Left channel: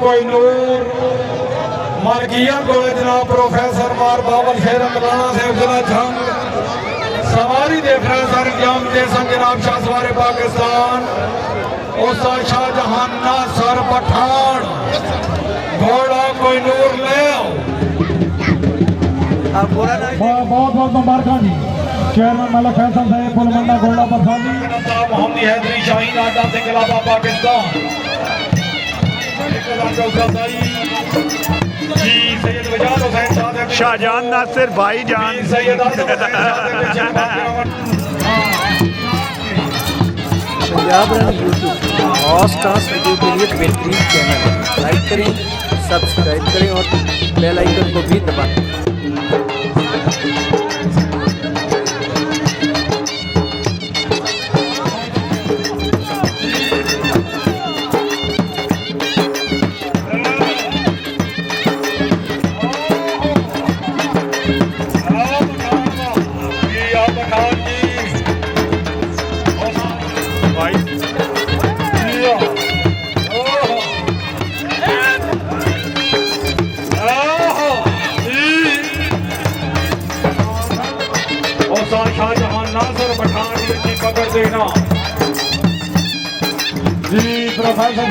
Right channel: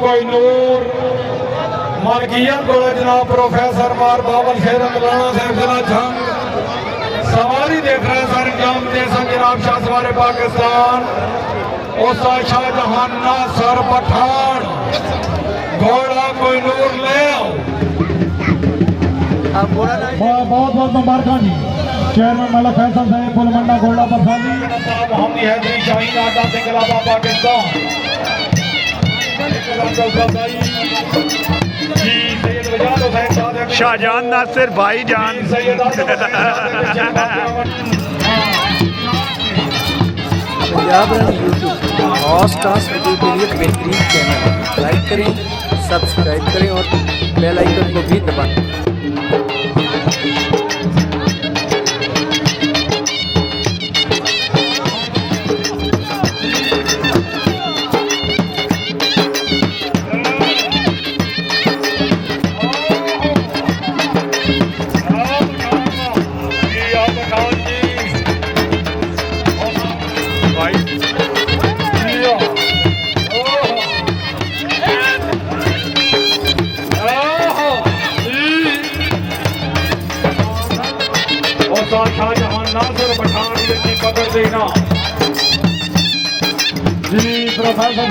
कोई नूर मलकियत को जनाब प्रोफेसर मार बाबल खेर राणा साहब जिला जंग सवारी देख रहे सर इंजाम दे जनाब शाह सवारे पाकिस्तान उस्ताद शाहजहां नासर पठान घोड़ा कोई नूर ले आओ। बहुत बहुत मुबारक जी चेयरमैन मलक फैसल साहब फुलमंडा घोड़ा पठानी मोहम्मदी हैदरी शाहीन आटा से गलाबा पाकिस्तान शाहजहां नासिर भाई जान Punjab run YouTube horse dance video के लिए बेहतरीन चैनल है। लाइक करें, सब्सक्राइब करें और बेल आइकन को भी दबाएं। शाहजहां नासर पठान की खबर देना जी प्रोफेसर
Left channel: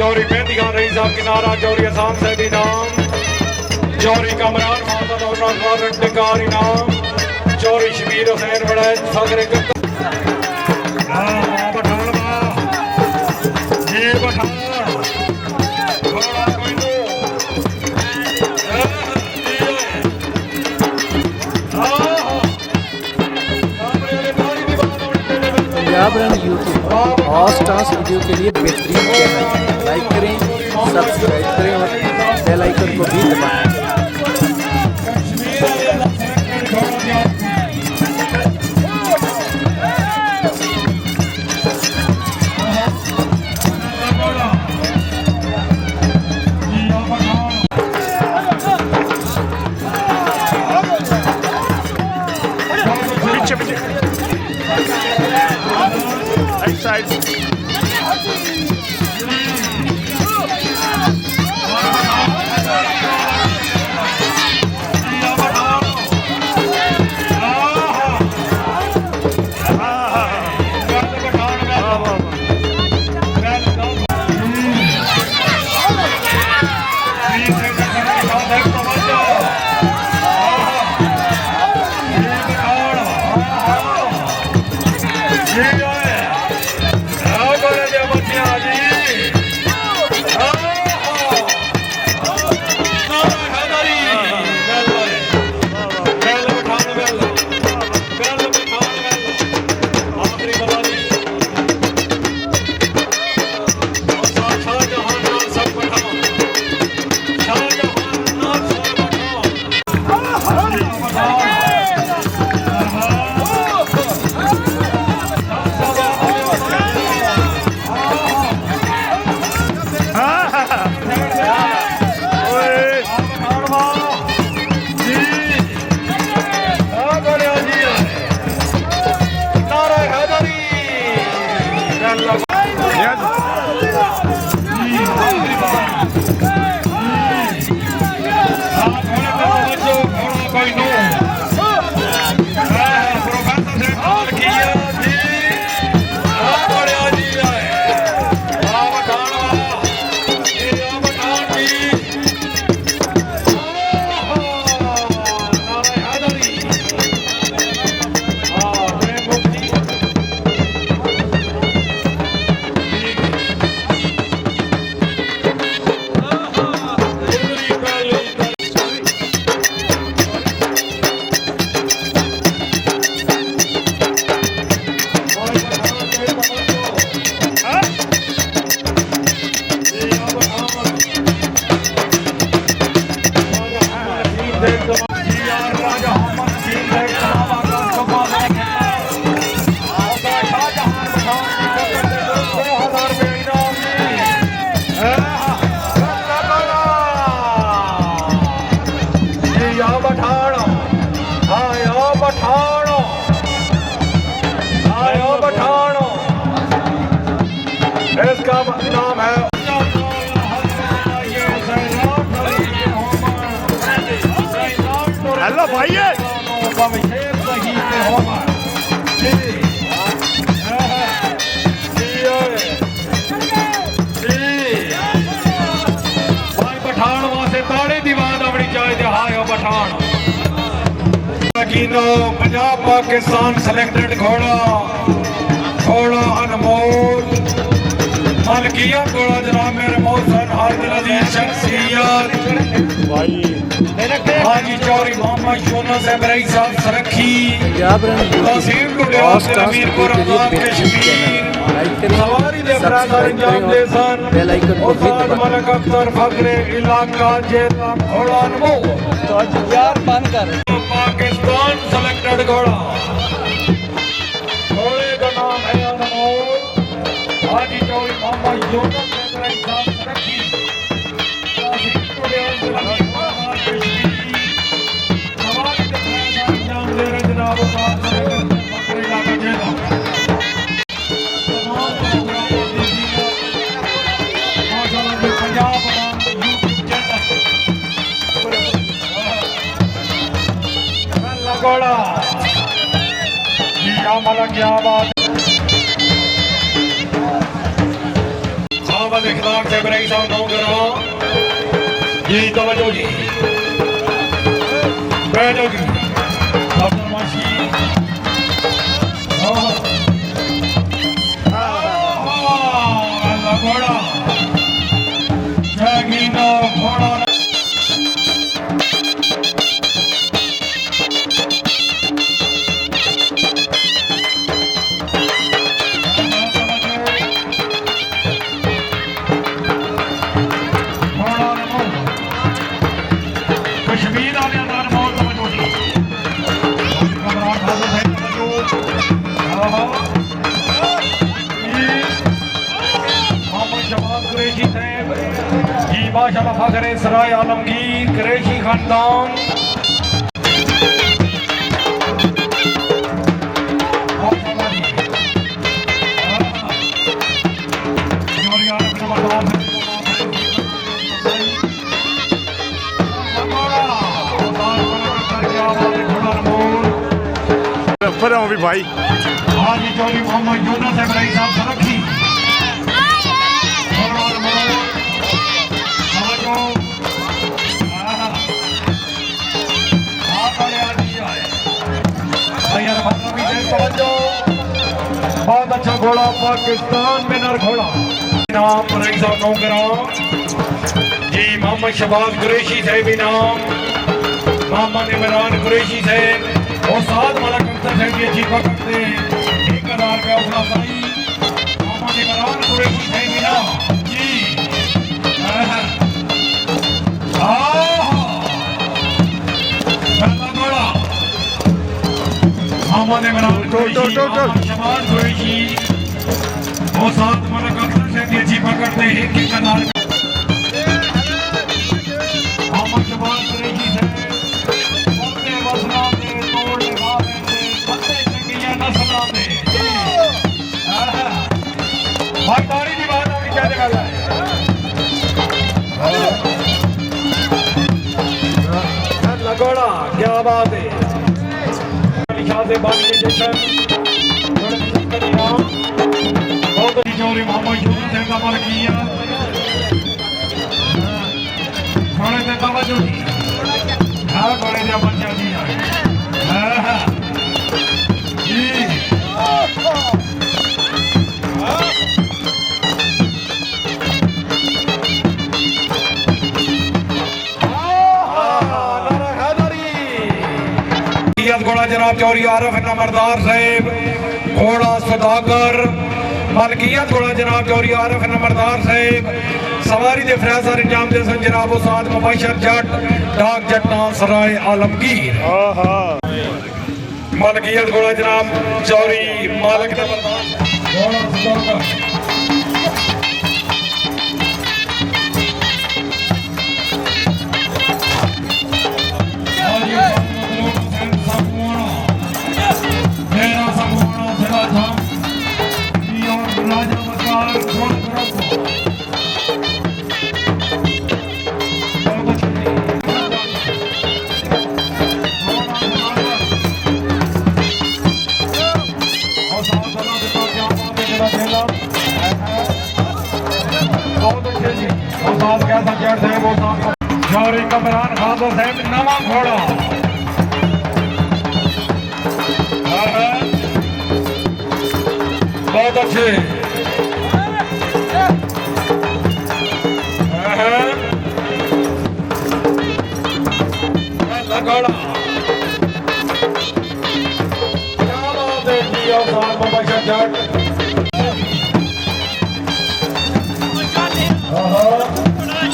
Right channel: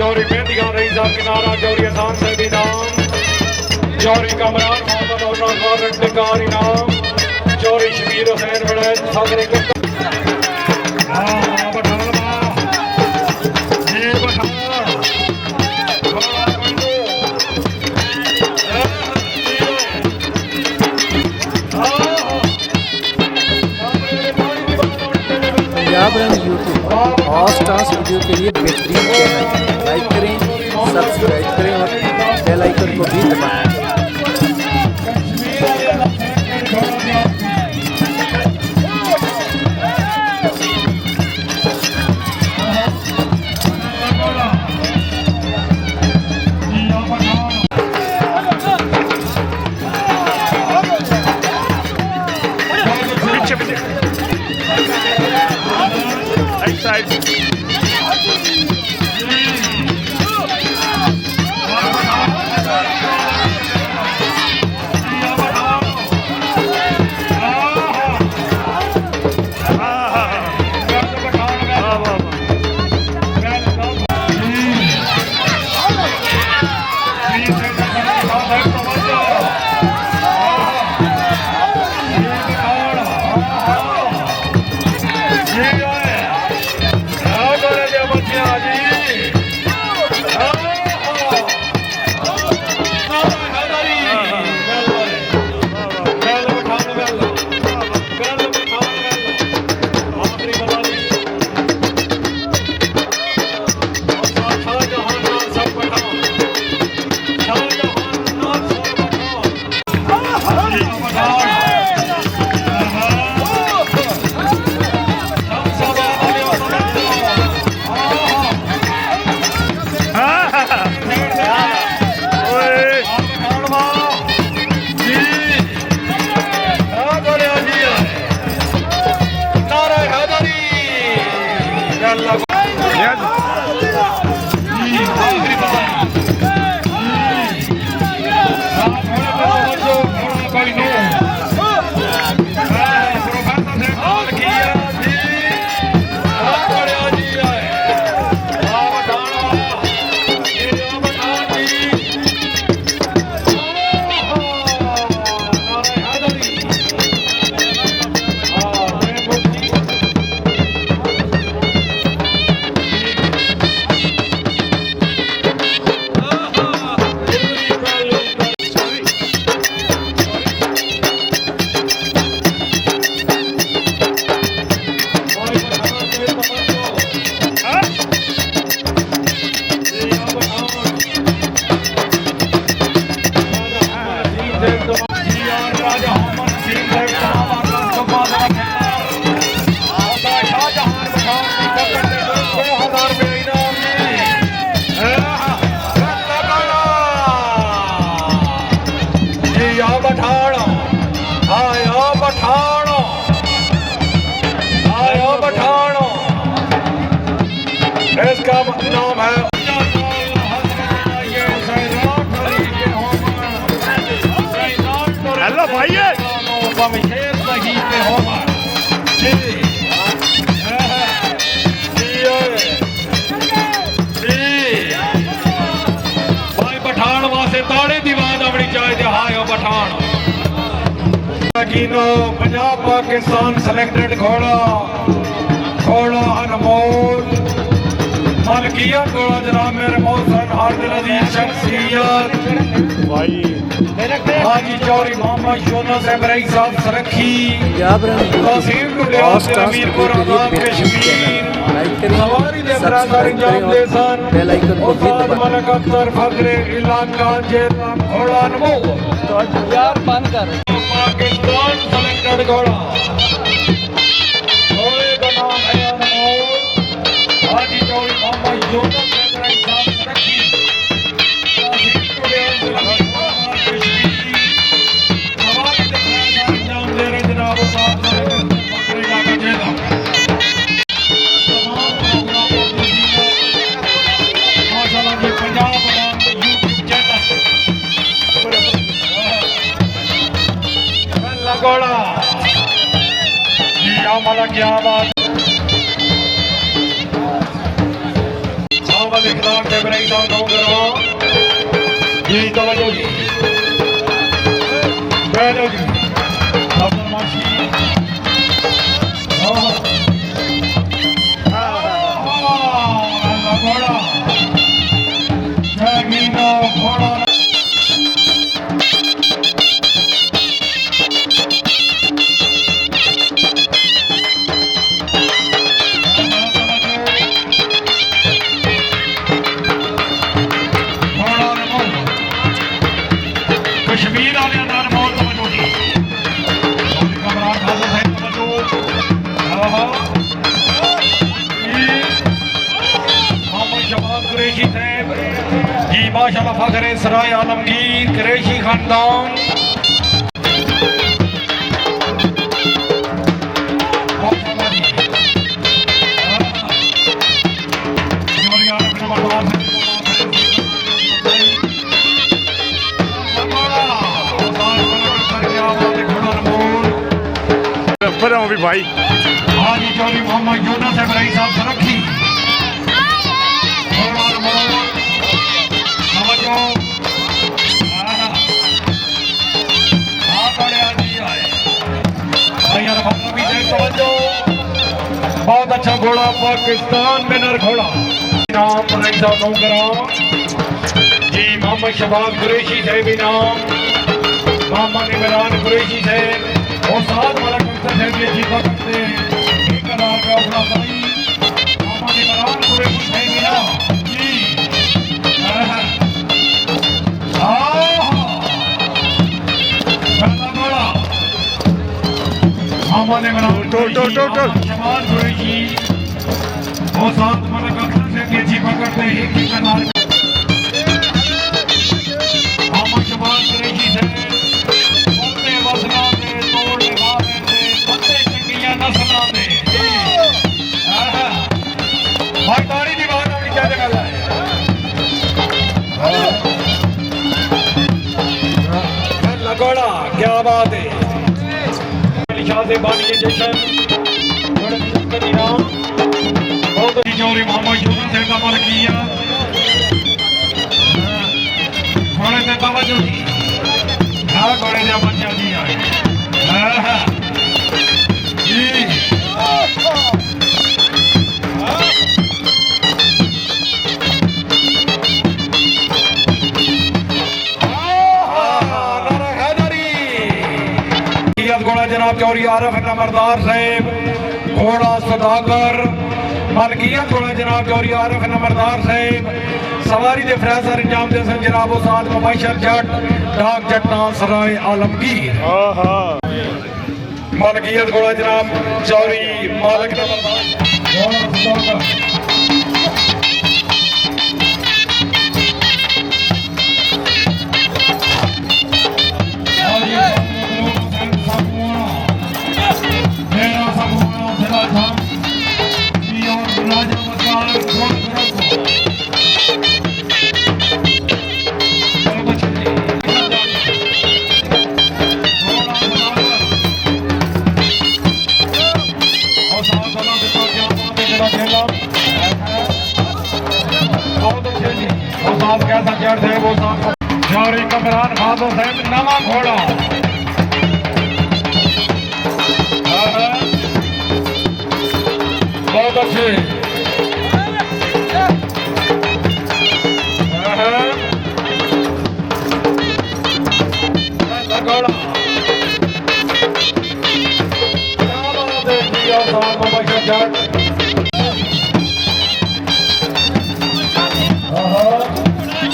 चौरी मेहंदी खान रही साहब किनारा चौरी आसान से भी नाम चौरी कमरान साहब नाम चौरी शबीर हुसैन बड़े सागरे Punjab run YouTube horse dance video के लिए बेहतरीन चैनल है। लाइक करें, सब्सक्राइब करें और बेल आइकन को भी दबाएं। Side. बोलो भाई है पठान वास्ते ताड़ी दीवान अपनी चाहे हायो पठान पंजाब पाकिस्तान सिलेक्टेड घोड़ा घोड़ा अनमोल मलकियत घोड़ा जनाब मेरे मौसम आदिल अजीज शख्सियत भाई हाजी चौरी मोहम्मद यूनुस इब्राहिम साहब सरखी पंजाब रन यूट्यूब और स्टार्स वीडियो के लिए बेहतरीन चैनल लाइक करें सब्सक्राइब करें और बेल आइकन को भी दबाएं। पाकिस्तान सेलेक्टेड घोड़ा घोड़े का नाम है अनमोल हाजी चौरी मोहम्मद यूनुस इब्राहिम साहब सरखी जी तवज्जो जी बैठो जी कश्मीर वाले अंदर बहुत मौजूद जी माशाअल्लाह फखरे सराय आलमगीर कुरैशी खानदान पर हूँ भी भाई हाजी चौरी मोहम्मद यूनुस इब्राहिम साहब सरखी बहुत अच्छा घोड़ा पाकिस्तान विनर घोड़ा नाम जी मोहम्मद शबाज कुरैशी साहब इनाम मोहम्मद इमरान कुरैशी साहब और साथ मलक अख्तर साहब की जीपा करते एक हजार का अपना भाई मोहम्मद इमरान कुरैशी साहब इनाम जी मोहम्मद इमरान शबाज कुरैशी और साथ मलक अख्तर साहब की जीपा करते एक हजार मोहम्मद शबाज कुरैशी साहब क्या बात है चौरी मोहम्मद यूनुस साहब का मलकिया घोड़े से तवज्जो जी घोड़े से बच्चा जी आए जी घोड़ा जनाब चौरी आरफ नंबरदार साहब घोड़ा सदागर मलकियत घोड़ा जनाब चौरी आरफ नंबरदार साहब सवारी दे फैसला इंजाम दे सन जनाब उस्ताद मुबशर जट डाक जट्टा सराय आलमगीर मलकियत घोड़ा जनाब चौरी मालिक नंबरदार घोड़ा सदागर लगोड़ा क्या बात है जी और साथ में बशर जट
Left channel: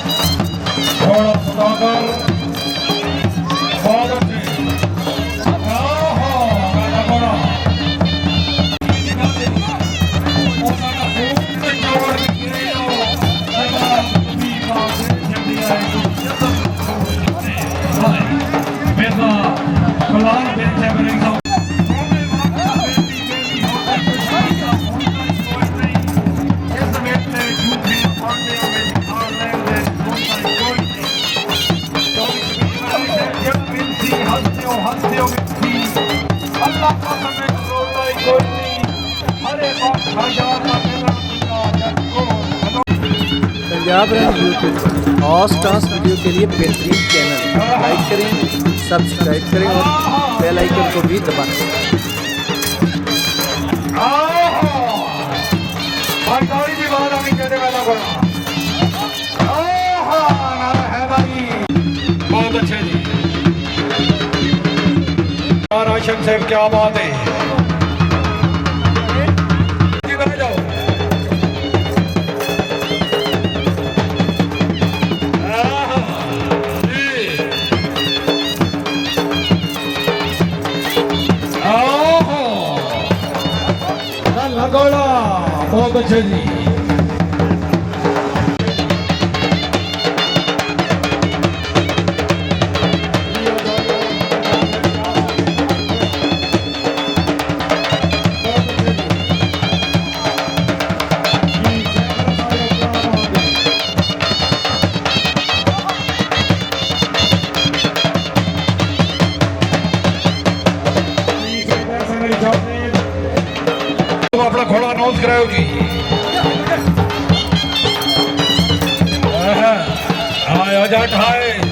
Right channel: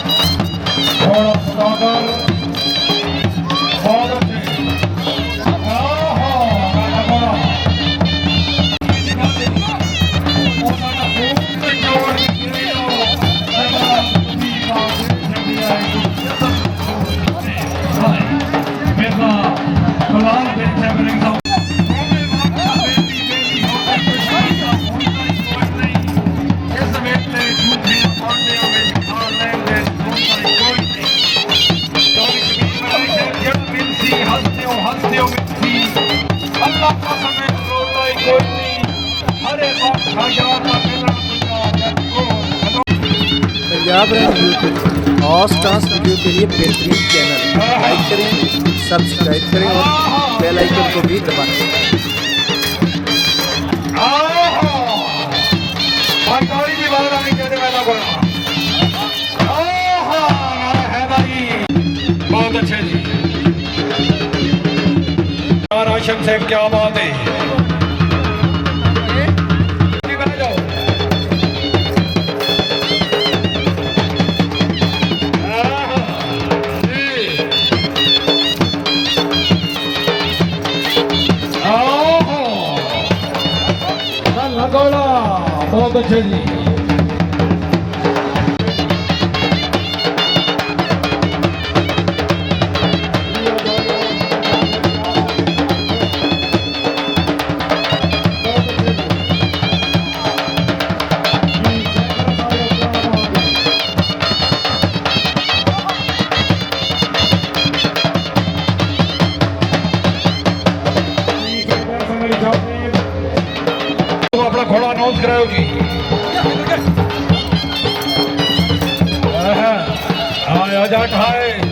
थोड़ा सुधाकर बहुत अच्छे लगोड़ा पंजाब रन यूट्यूब और डांस वीडियो के लिए बेहतरीन चैनल लाइक करें, सब्सक्राइब करें और बेल आइकन को भी दबाएं। बहुत अच्छे जी राशन सेठ क्या बात है जाओ बहुत अच्छे जी अपना घोड़ा अनाउंस कराओ जी हाँ आजा खाए